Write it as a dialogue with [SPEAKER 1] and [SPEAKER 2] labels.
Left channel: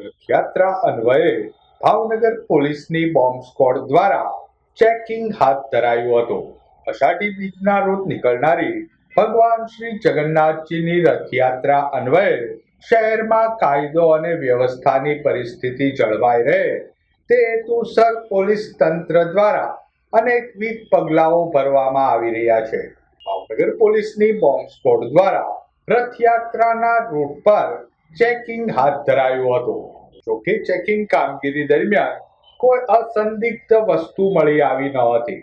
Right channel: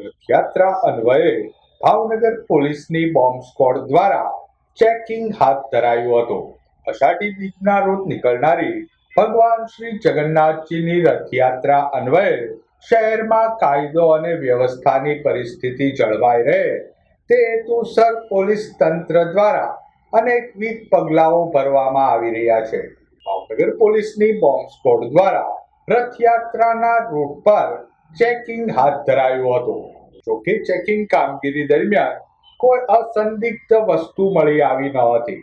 [SPEAKER 1] રથયાત્રા અન્વયે ભાવનગર પોલીસની bomb squad દ્વારા ચેકિંગ હાથ ધરાયું હતું. અષાઢી બીજના રોજ નીકળનારી ભગવાન શ્રી જગન્નાથજીની રથયાત્રા અન્વયે શહેરમાં કાયદો અને વ્યવસ્થાની પરિસ્થિતિ જળવાઈ રહે. તે હેતુસર પોલીસ તંત્ર દ્વારા અનેકવિધ પગલાઓ ભરવામાં આવી રહ્યા છે. ભાવનગર પોલીસની બોમ્બ સ્કોડ દ્વારા રથયાત્રાના રૂટ પર ચેકિંગ હાથ ધરાયું હતું. જોકે ચેકિંગ કામગીરી દરમિયાન કોઈ અસંદિગ્ધ વસ્તુ મળી આવી ન હતી.